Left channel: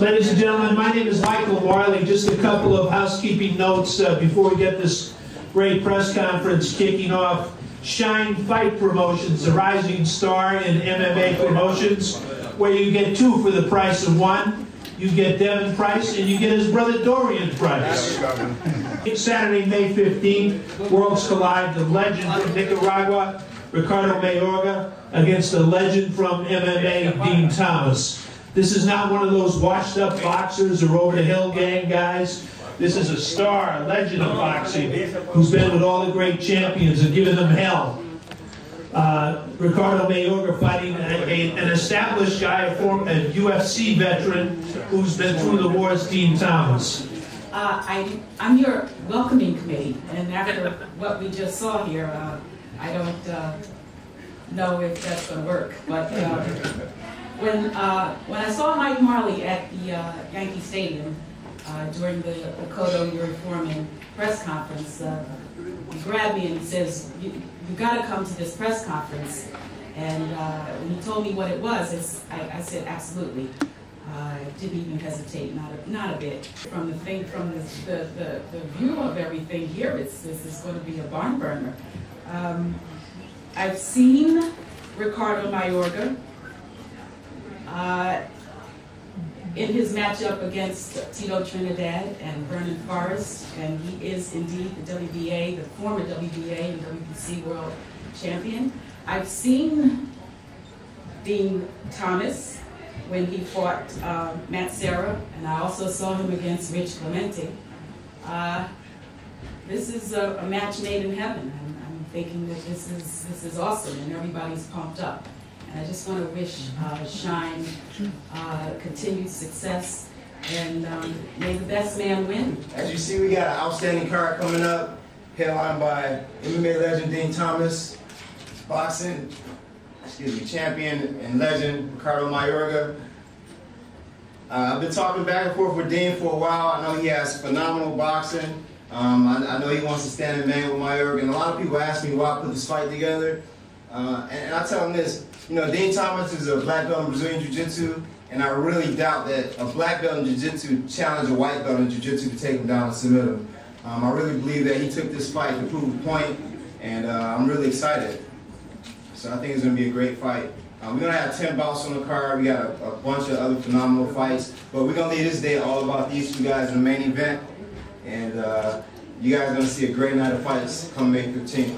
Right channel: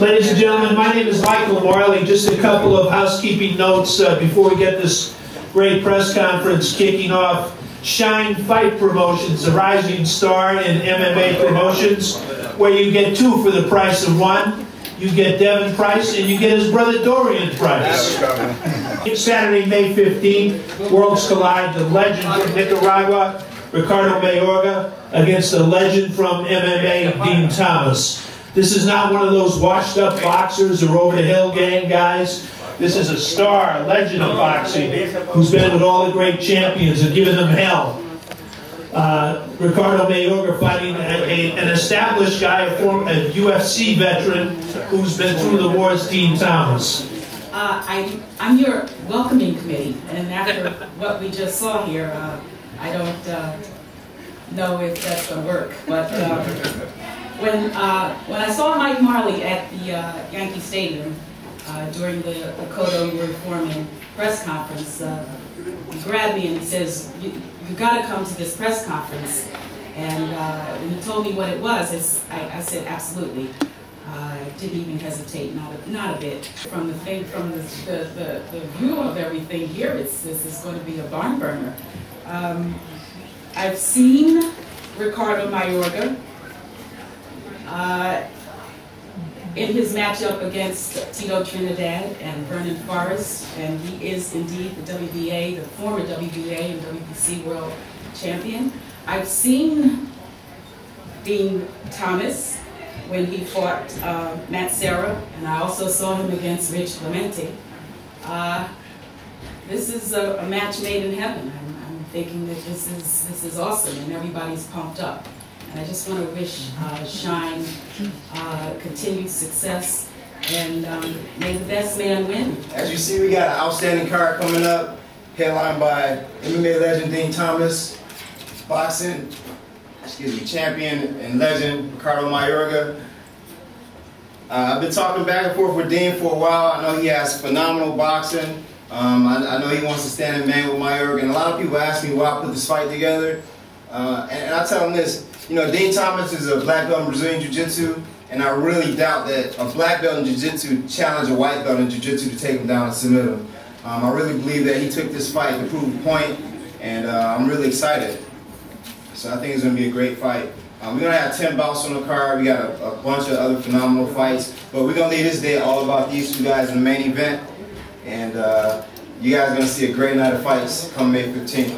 Ladies and gentlemen, my name is Michael Marley. Just a couple of housekeeping notes before we get this great press conference kicking off. Shine Fight Promotions, a rising star in MMA promotions, where you get two for the price of one. You get Devin Price and you get his brother Dorian Price. Saturday, May 15th, Worlds Collide, the legend from Nicaragua, Ricardo Mayorga, against the legend from MMA, Din Thomas. This is not one of those washed up boxers or over the hill gang guys. This is a star, a legend of boxing, who's been with all the great champions and given them hell. Ricardo Mayorga fighting an established guy, a UFC veteran who's been through the wars, Din Thomas. I'm your welcoming committee, and after what we just saw here, I don't know if that's going to work. But when I saw Mike Marley at the Yankee Stadium during the Cotto Reforming press conference, he grabbed me and he says, "You got to come to this press conference." And when he told me what it was, I said, absolutely. I didn't even hesitate, not a bit. From the view of everything here, this is going to be a barn burner. I've seen Ricardo Mayorga in his matchup against Tito Trinidad and Vernon Forrest, and he is indeed the WBA, the former WBA and WBC world champion. I've seen Din Thomas when he fought Matt Serra, and I also saw him against Rich Clemente. This is a match made in heaven. I'm thinking that this is awesome, and everybody's pumped up. And I just want to wish Shine continued success, and may the best man win. As you see, we got an outstanding card coming up, headlined by MMA legend Din Thomas, boxing, champion and legend Ricardo Mayorga. I've been talking back and forth with Din for a while. I know he has phenomenal boxing. I know he wants to stand in man with Mayorga, and a lot of people ask me why I put this fight together. And I tell them this, Din Thomas is a black belt in Brazilian Jiu-Jitsu, and I really doubt that a black belt in Jiu-Jitsu challenged a white belt in Jiu-Jitsu to take him down and submit him. I really believe that he took this fight to prove a point, and I'm really excited. So I think it's going to be a great fight. We're going to have 10 bouts on the card. We got a bunch of other phenomenal fights, but we're going to leave this day all about these two guys in the main event, and you guys are going to see a great night of fights come May 15th.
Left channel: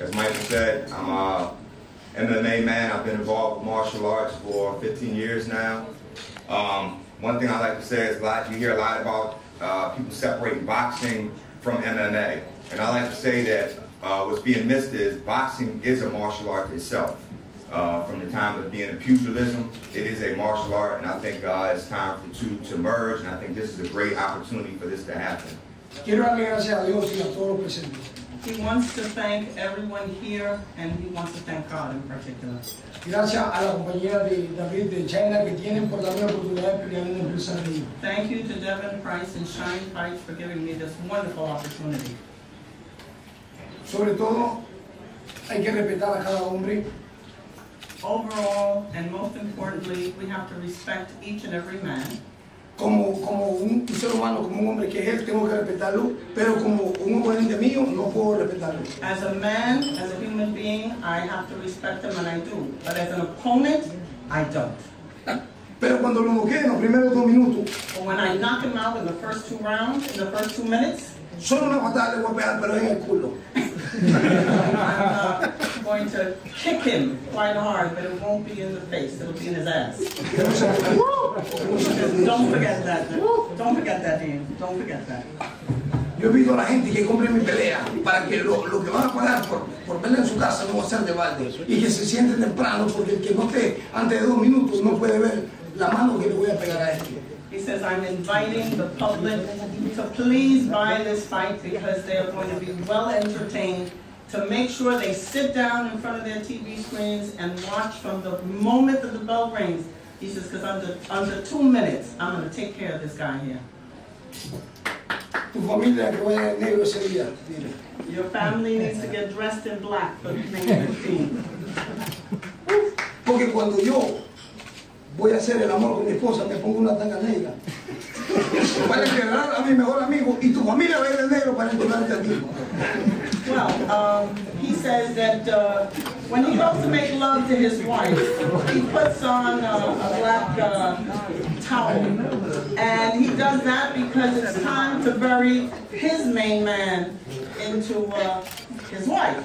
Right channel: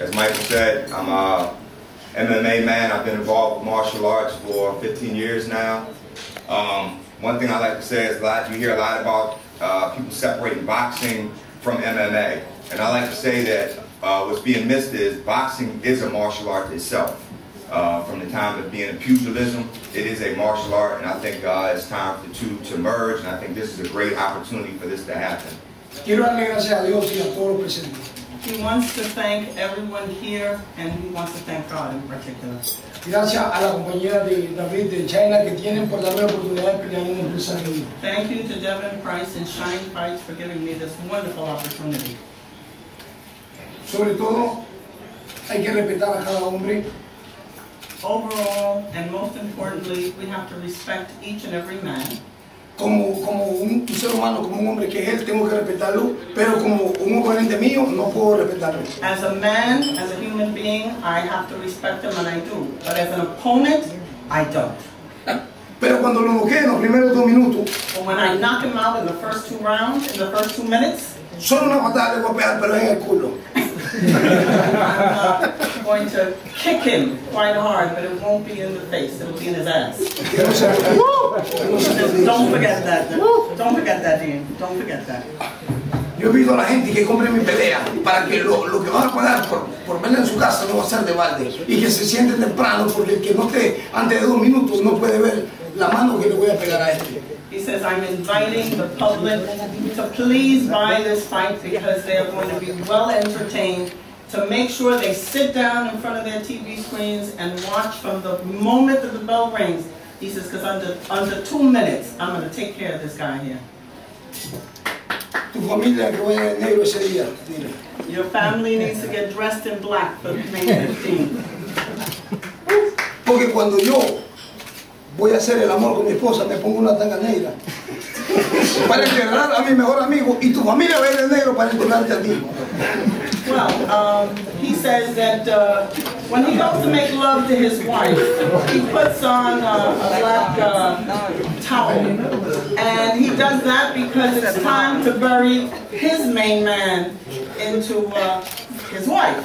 As Michael said, I'm a MMA man. I've been involved with martial arts for 15 years now. One thing I like to say is you hear a lot about people separating boxing from MMA. And I like to say that what's being missed is boxing is a martial art itself. From the time of being a pugilism, it is a martial art, and I think it's time for the two to merge, and I think this is a great opportunity for this to happen. Quiero darle gracias a Dios y a todos los presentes. He wants to thank everyone here, and he wants to thank God in particular. Gracias a la compañía de David de China que tienen por darme la oportunidad de pelear en el empresario. Thank you to Devin Price and Shine Fights for giving me this wonderful opportunity. Sobre todo, hay que respetar a cada hombre. Overall, and most importantly, we have to respect each and every man. Como un ser humano, como un hombre que es él, tengo que respetarlo, pero como un oponente mío, no puedo respetarlo. As a man, as a human being, I have to respect him, and I do. But as an opponent, I don't. Pero cuando lo noqué en los primeros 2 minutos, but when I knock him out in the first 2 rounds, in the first 2 minutes, solo una patada le voy a pegar, pero es en el culo. I'm going to kick him quite hard, but it won't be in the face. It'll be in his ass. Don't forget that. Don't forget that, Dean. Don't forget that. Yo pido a la gente que compre mi pelea para que lo que van a pagar por verla en su casa no va a ser de balde y que se siente temprano, porque el que no esté antes de 2 minutos no puede ver la mano que le voy a pegar a este. He says, I'm inviting the public to please buy this fight because they are going to be well entertained, to make sure they sit down in front of their TV screens and watch from the moment that the bell rings. He says, because under 2 minutes, I'm going to take care of this guy here. Tu familia que vaya de negro ese día, dile. Your family needs to get dressed in black for May 15th. Porque cuando yo voy a hacer el amor con mi esposa, me pongo una tanga negra para enterrar a mi mejor amigo y tu familia va a ir de negro para enterrarte a ti. Well, he says that when he goes to make love to his wife, he puts on a black towel. And he does that because it's time to bury his main man into his wife.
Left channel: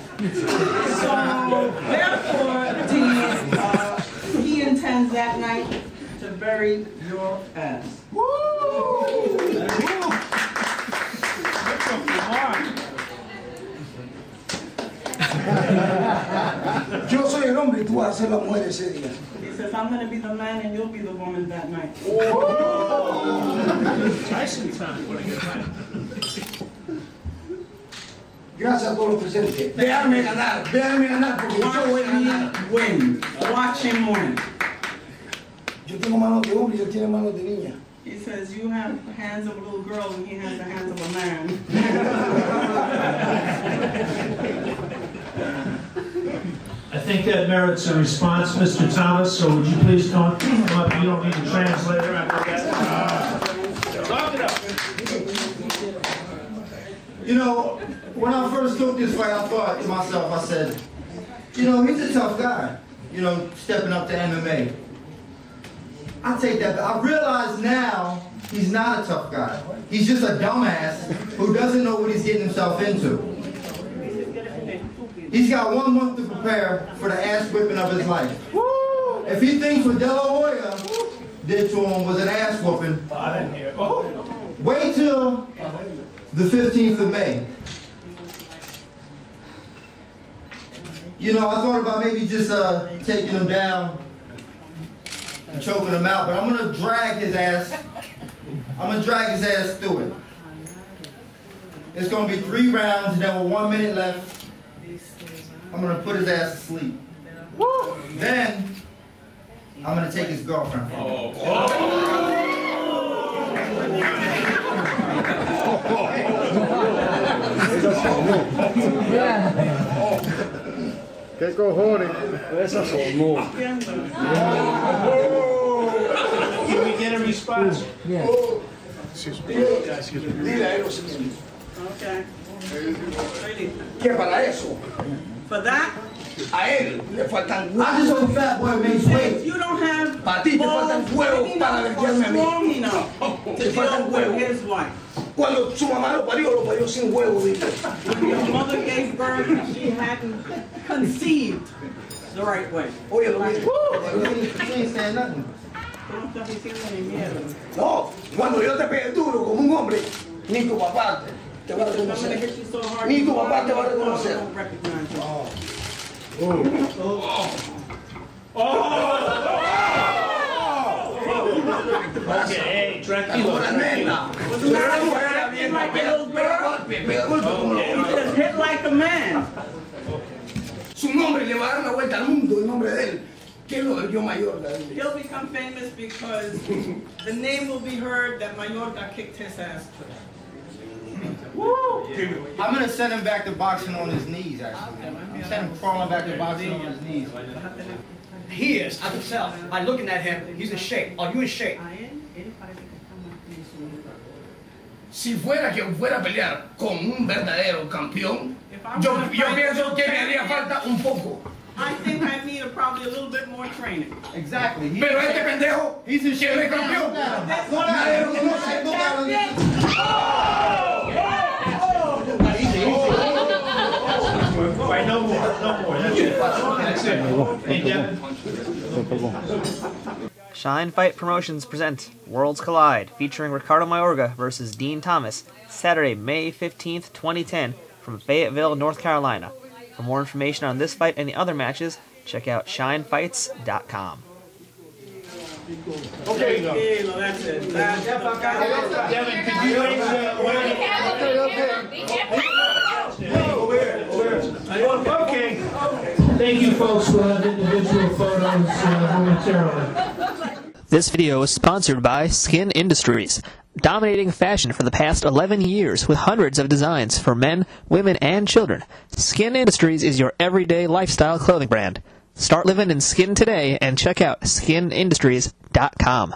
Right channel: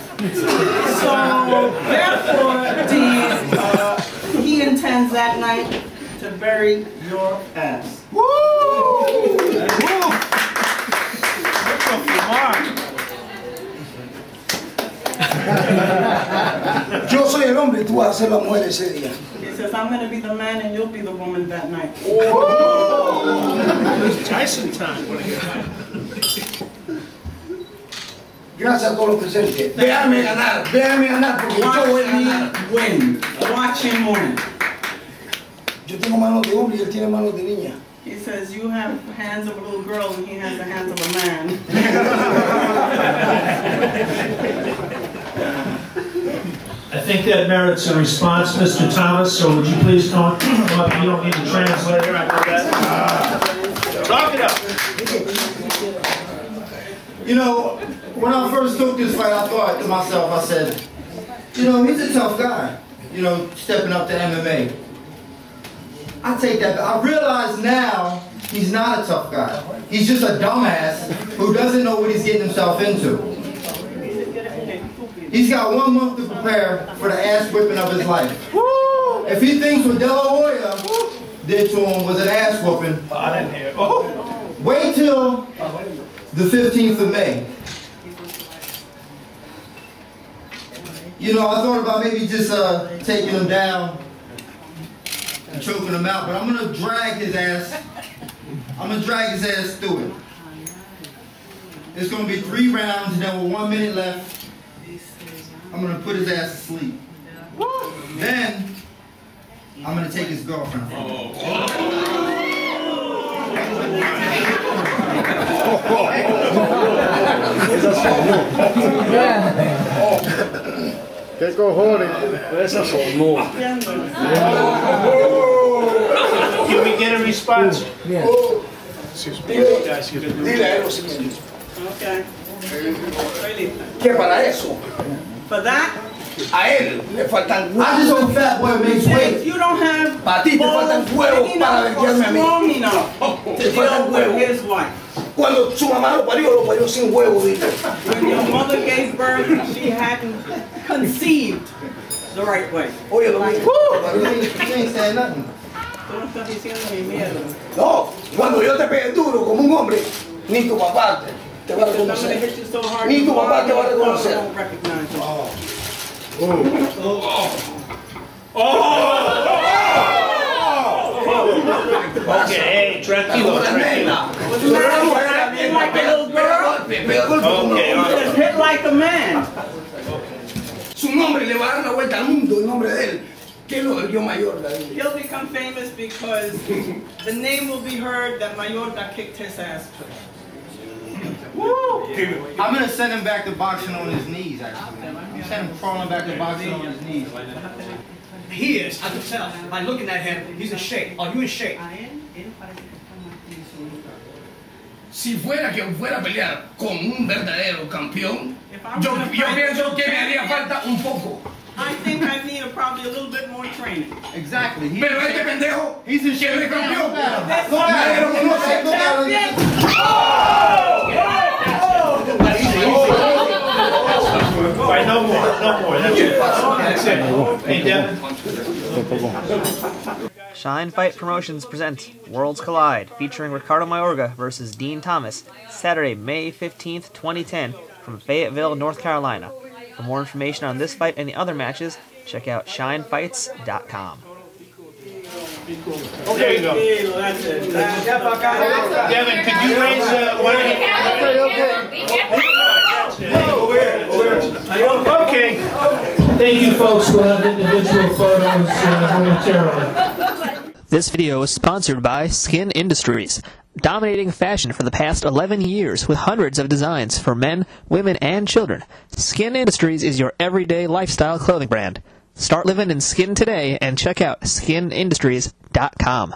So, therefore, Dean, he intends that night to bury your ass. Woo! Yo soy el hombre y tú vas a ser la mujer ese día. He says, I'm going to be the man and you'll be the woman that night. It's Tyson time. Gracias a todos los presentes. Véanme ganar porque yo voy a ganar. Win. Watch him win. Yo tengo manos de hombre y él tiene manos de niña. He says, you have hands of a little girl and he has the hands of a man. I think that merits a response, Mr. Thomas, so would you please come up? You don't need a translator, I know that. Talk it up. You know, when I first took this fight, I thought to myself, I said, you know, he's a tough guy, you know, stepping up to MMA. I take that, but I realize now he's not a tough guy. He's just a dumbass who doesn't know what he's getting himself into. He's got 1 month to prepare for the ass whipping of his life. If he thinks what De La Hoya did to him was an ass whooping, wait till the 15th of May. You know, I thought about maybe just taking him down and choking him out, but I'm gonna drag his ass. I'm gonna drag his ass through it. It's gonna be 3 rounds, and then with 1 minute left, I'm gonna put his ass to sleep. Then I'm gonna take his girlfriend from him. ¿Qué cojones? Esa sonó. Can we get a response? Dile a él lo siguiente. Okay. Que para eso, For that, a él le faltan I just hope Fat Boy makes if weight. you don't have Para ti te faltan huevos para verguiarme a mí. strong enough to Te faltan deal with huevos. his wife. Cuando su mamá lo parió sin huevo, dile. When your mother gave birth, she hadn't conceived the right way. Oye, lo mismo. You ain't saying nothing. Tú no estás diciendo ni mierda. No, cuando yo te pegue duro como un hombre, ni tu papá te va a I'm going to hit reconocer. you so hard, Ni tu your papá te va a father reconocer. won't recognize you. Okay, hey, tranquilo, Como una tranquilo. nena. Tú eres una mujer Acting like a pega little girl. pega golpe como Okay, los He says, hit like a man. Su nombre le va a dar una vuelta al mundo, el nombre de él. Que lo del Mayorga, dile. He'll become famous because the name will be heard that Mayorga kicked his ass too. I'm gonna send him back to boxing on his knees, actually. I'm sending him crawling back to boxing on his knees. He is, I can tell by looking at him, he's in shape. Are you in shape? Si fuera que fuera a pelear con un verdadero campeón, If I yo were to fight pienso que me champion, haría falta un poco. I think I need probably a little bit more training. Exactly. Pero este pendejo, He's in que no es shape. campeón, Look at him. This Look at him. one Look at him. Look at him. All right, no more, that's it. That's it. Hey, Devin. Shine Fight Promotions present Worlds Collide, featuring Ricardo Mayorga versus Din Thomas, Saturday, May 15th, 2010, from Fayetteville, North Carolina. For more information on this fight and the other matches, check out shinefights.com. There you go. That's it. Devin, could you raise one Okay. Thank you, folks. We'll have individual photos momentarily. This video is sponsored by Skin Industries, dominating fashion for the past 11 years with hundreds of designs for men, women, and children. Skin Industries is your everyday lifestyle clothing brand. Start living in skin today and check out skinindustries.com.